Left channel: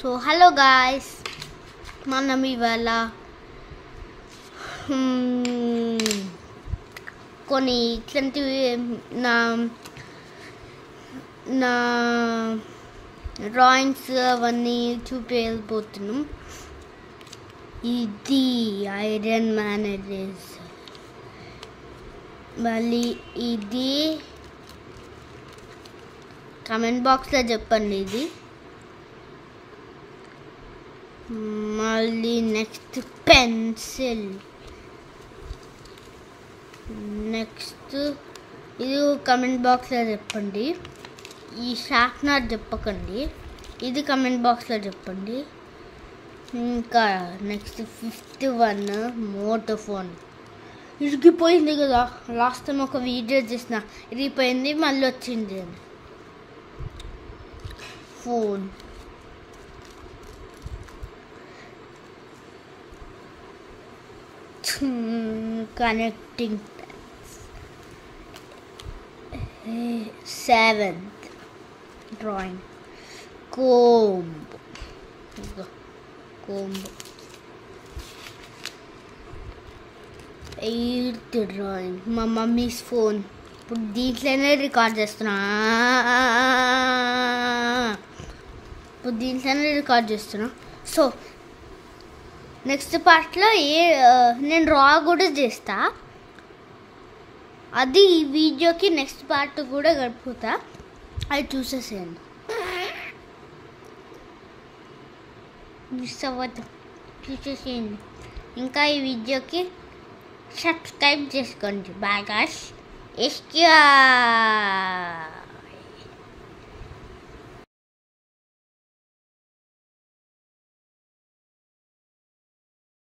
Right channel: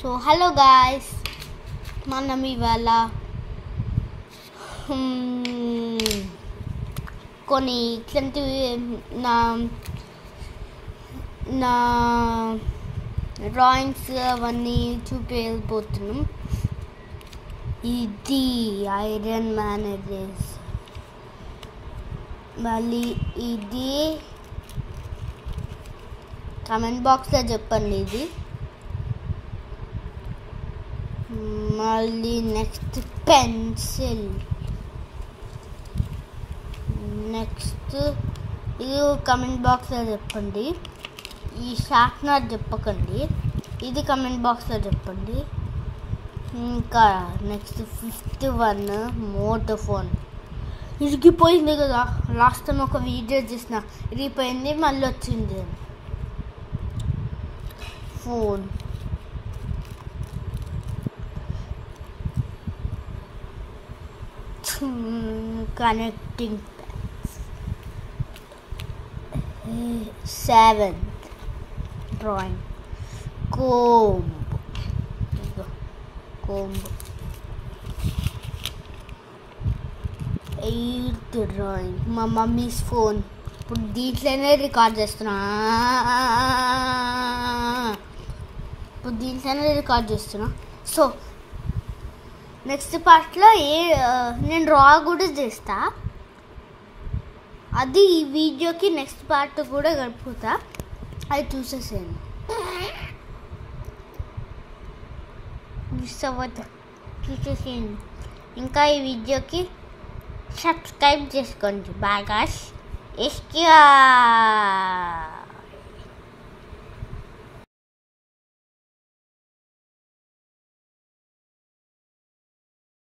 So hello guys, మనం ఇవాళ కొన్ని ఇట్లాంటివి నా డ్రాయింగ్స్ అవన్నీ చూపించబోతున్నాం. ఇది ఐరన్ మ్యాన్ ఎరేజ్, మళ్ళీ ఇది కామెంట్ బాక్స్లో చెప్పండి. ఇది మళ్ళీ నెక్స్ట్ పెన్సిల్, నెక్స్ట్ ఇది కమెంట్ బాక్స్లో చెప్పండి. ఈ షార్ప్నర్ చెప్పకండి, ఇది కమెంట్ బాక్స్లో చెప్పండి. ఇంకా నెక్స్ట్ 5th వన్ మోటోఫోన్. ఇరిగిపోయింది కదా, లాస్ట్ టైం ఒక వీడియో చేసిన ఇరిగిపోయింది మళ్ళీ వచ్చింది అని. Phone, connecting 7th drawing, comb. 8th drawing, మా మమ్మీస్ ఫోన్. ఇప్పుడు దీంట్లోనే రికార్డ్ చేస్తున్నా. సో నెక్స్ట్ పార్ట్లో నేను డ్రా కూడా చేస్తా, అది ఈ వీడియోకి నెక్స్ట్ పార్ట్ కూడా గడుపుతా, అది చూసేసేయండి. మిస్ అవ్వద్దు, చూసేసేయండి. ఇంకా ఈ వీడియోకి సబ్స్క్రైబ్ చేసుకోండి. Bye guys.